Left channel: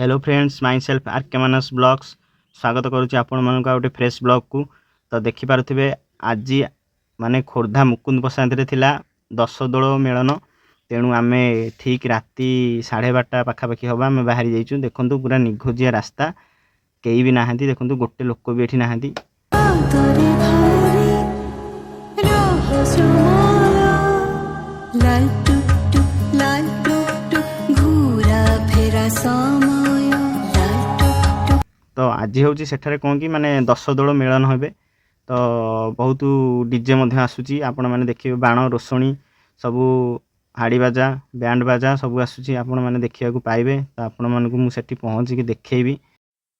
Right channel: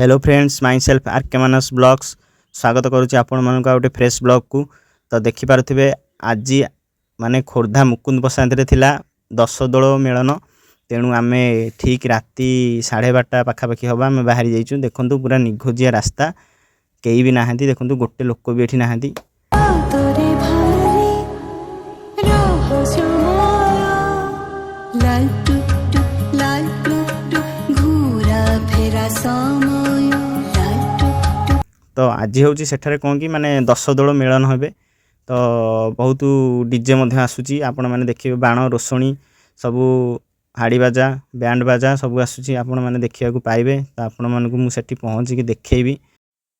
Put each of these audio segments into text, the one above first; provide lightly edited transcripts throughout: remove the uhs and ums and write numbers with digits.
Hello friends my self Rkmanashvlogs स्वागत करुच्ची आपण मानक गोटे फ्रेश ब्लॉग को। तो देखि पारुथिबे आज माने खोर्धा मुकुंदप्रसाद रे थिला 10 दोल मेलन। तेणु आमे ठीक राति 12:30 पाखापाखि हवा आमे बाहरी जाइचु। देखंतु पूरा निघोजिया रास्ता, केही भी नाहंती। देखंतु गोटे लोक भी एठी नाहंती। लाल टुक टुक लाल टुक टुक घूरा फेरा समय लाल टुक टुक। तो आज होची सेठारे कोन की माने 10 दोल मेलन होबे। तो बहुत डीजे मध्य आसुची, आपण माने देखिबे बाण रोसणी सबु हाड़ी बाजा बैंड बाजा सब आसुची, आपण माने देखिया को पाइबे। तो आपण मानकु मु सेठी पहुंची के देखैबी।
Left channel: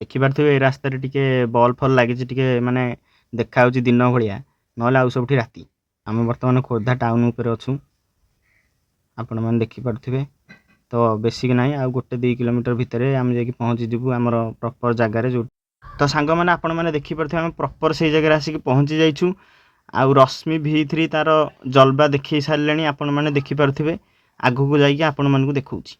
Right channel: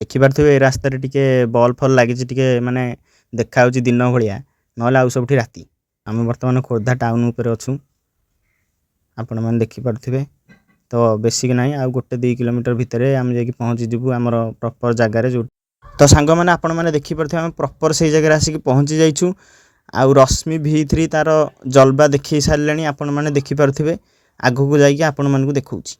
देखि पारथिबे ए रास्ता रे टिके बॉल फॉल लागि छि, टिके माने देखा होची दिन भलिया, नहले आउ सबठी राती। हम वर्तमान खोर्धा टाउन ऊपर अछु, आपण माने देखि पारथिबे। तो बेसिक नाही आ गोटे 2 किलोमीटर भितरे हम जेकी पहुंची जिबु हमर प्रॉपर जगह रे। जो तो सांग माने आपण माने देखि पारथिबे हम प्रॉपर से जगह रे आसी के पहुंची जाइछु। आ रश्मि V3 तार जलवा देखि सारलेनी, आपण माने देखि पारथिबे। आगु को जाई के आपण मानकु देखौछि।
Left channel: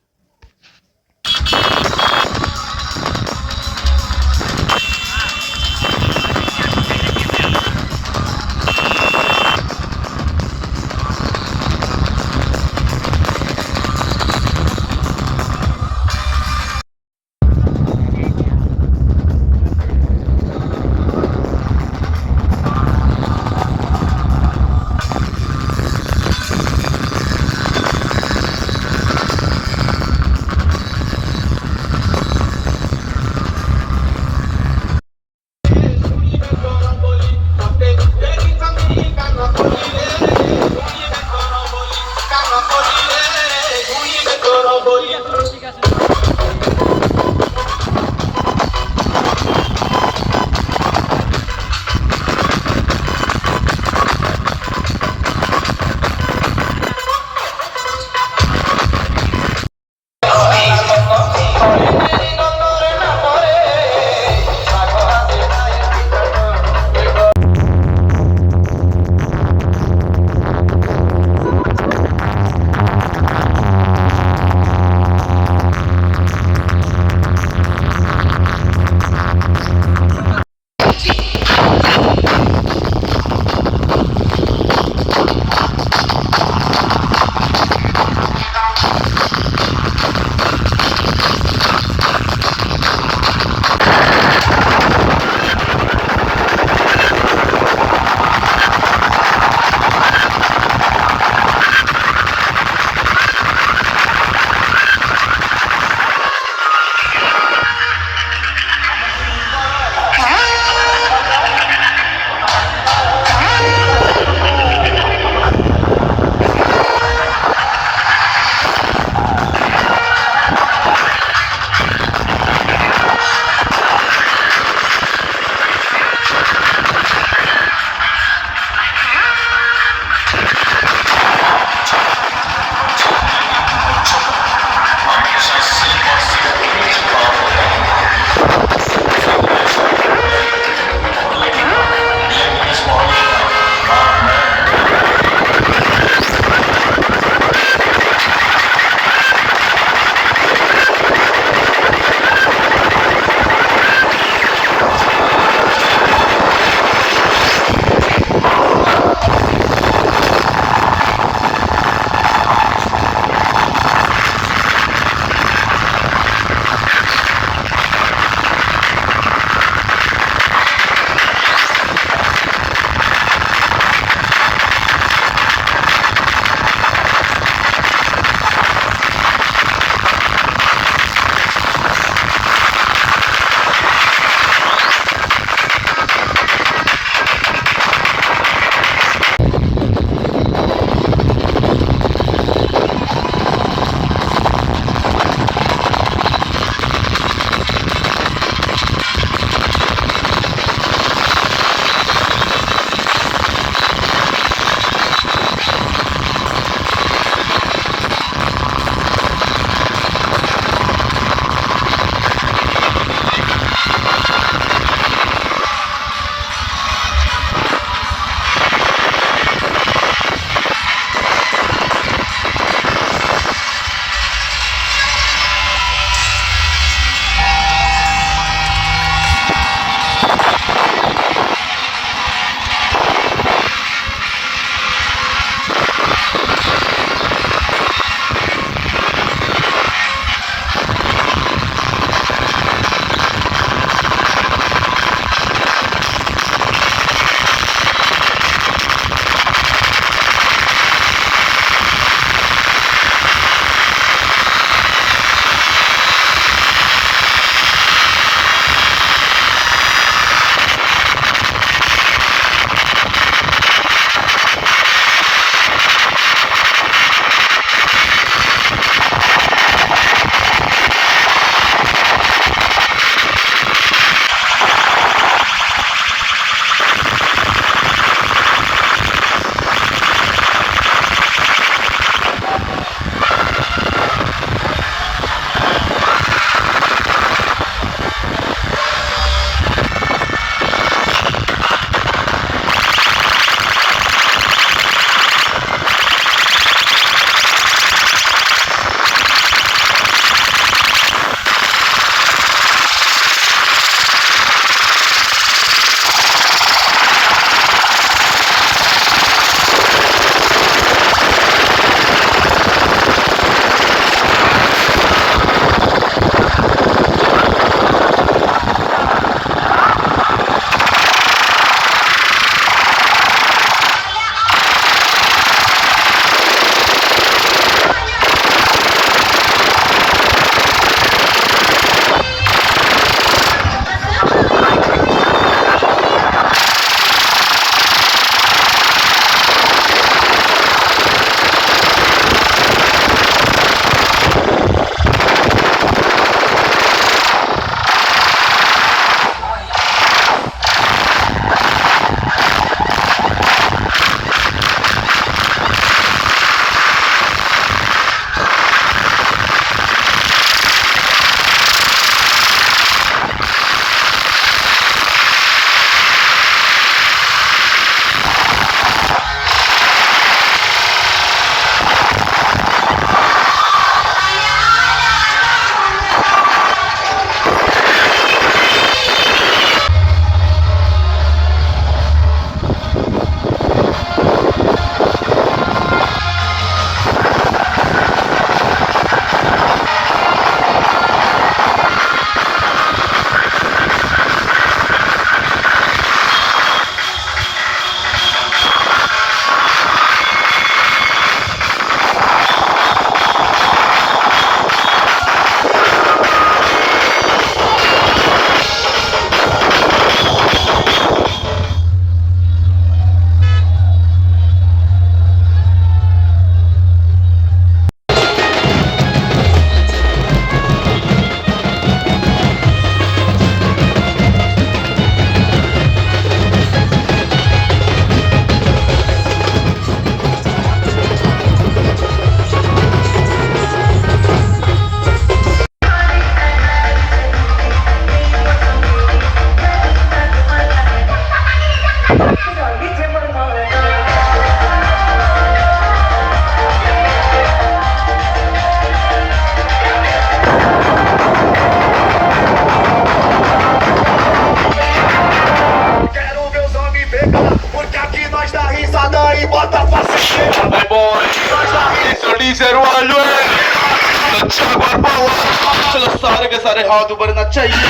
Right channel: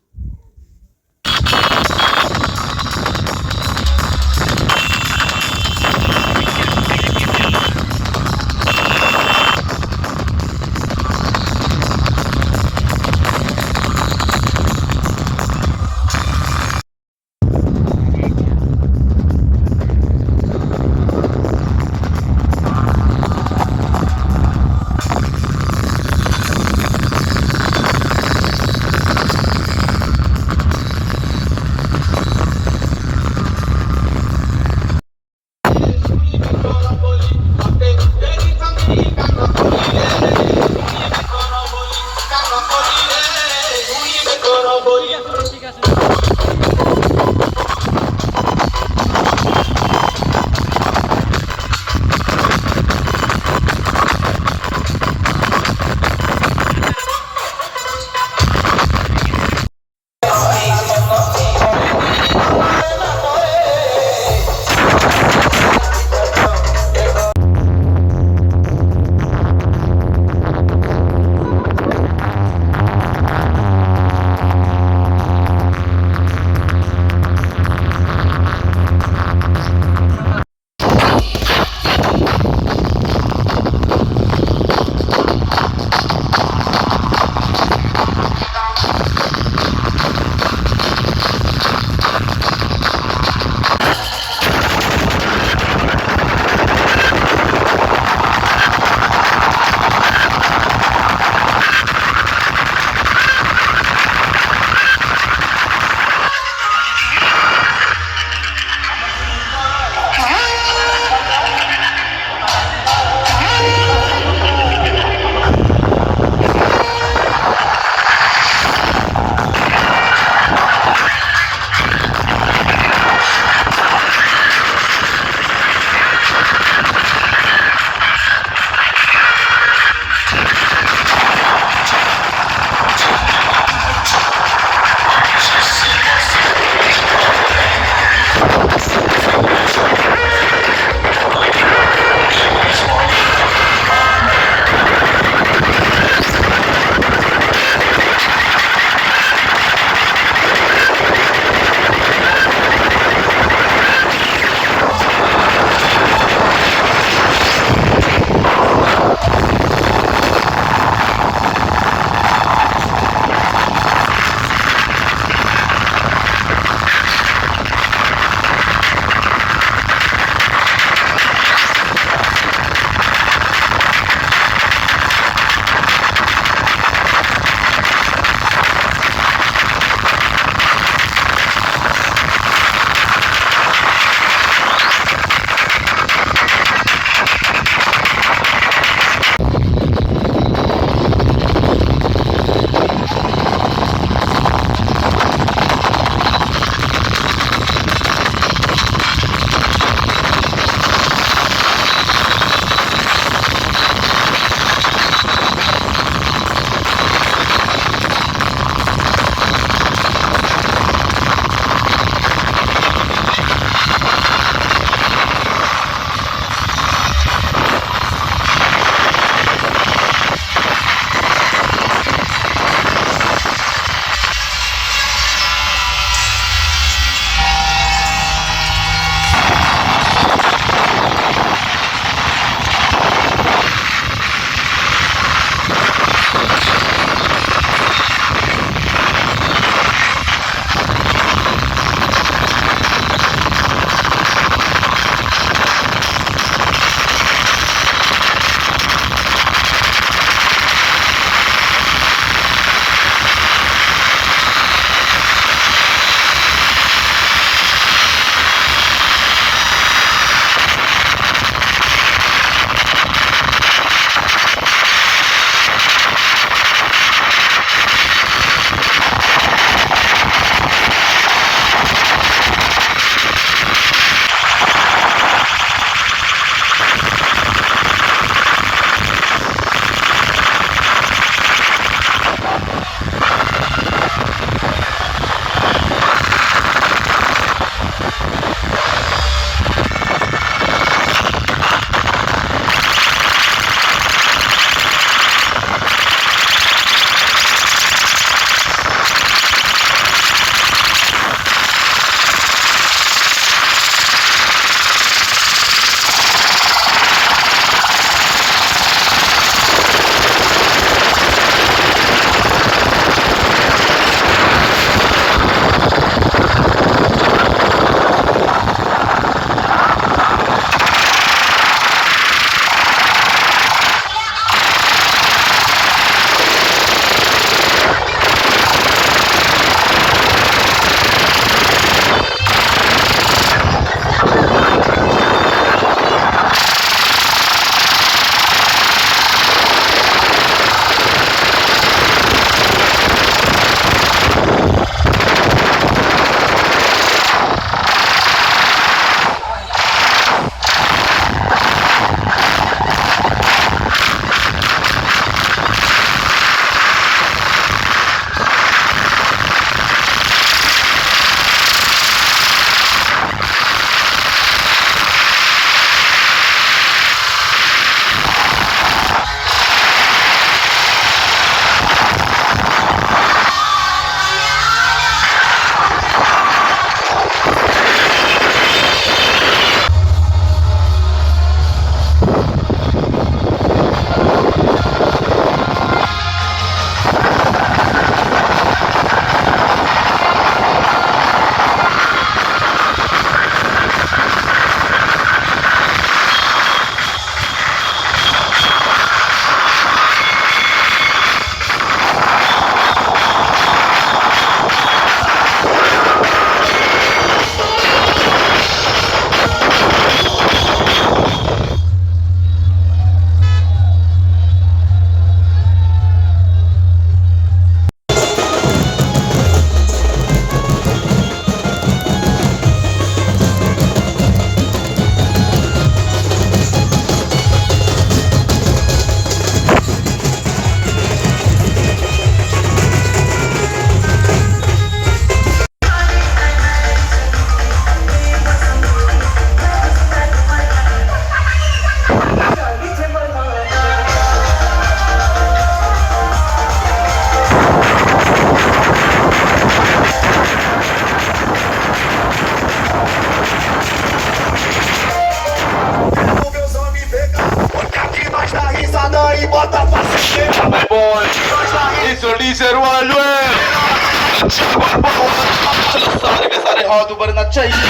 सारे के सारे हाथ ऊपर ना चाहिए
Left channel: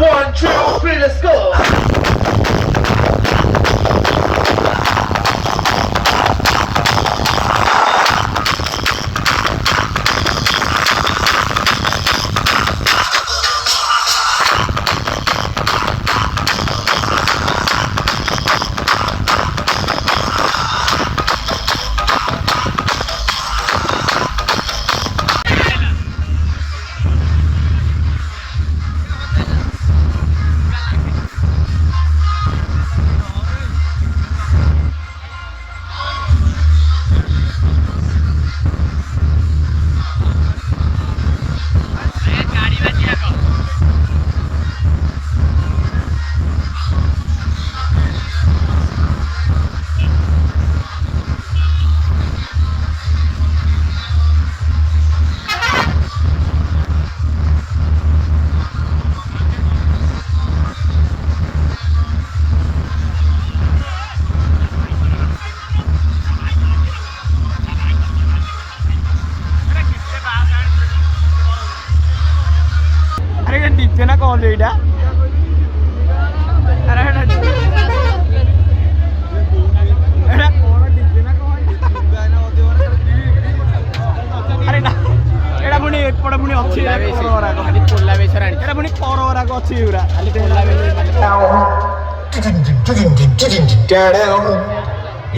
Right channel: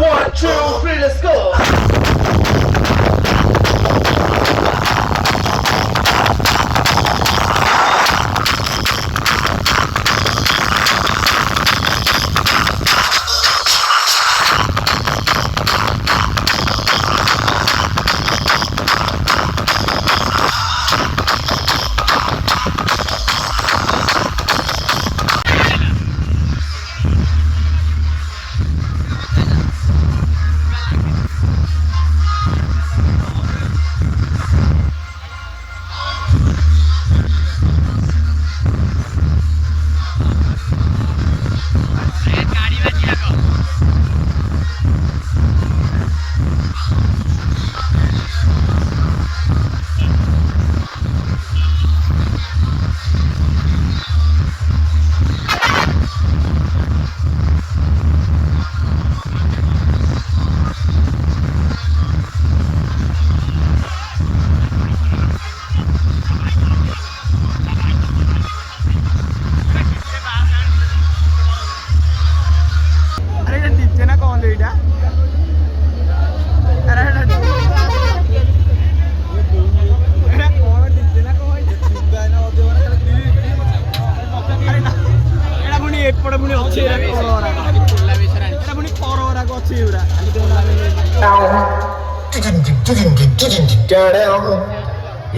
1 2 3 let's go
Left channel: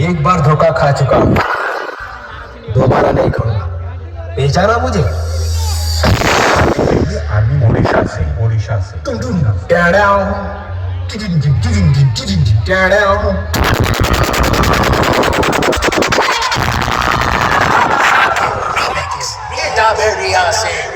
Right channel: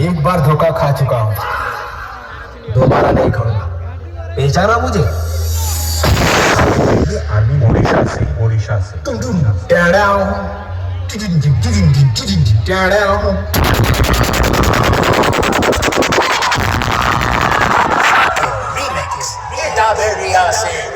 एक बार धोखा खा चुका हूँ दोबारा नहीं खाऊंगा पहचाना मुझे ये आदमी ओडिशा से Itaberia se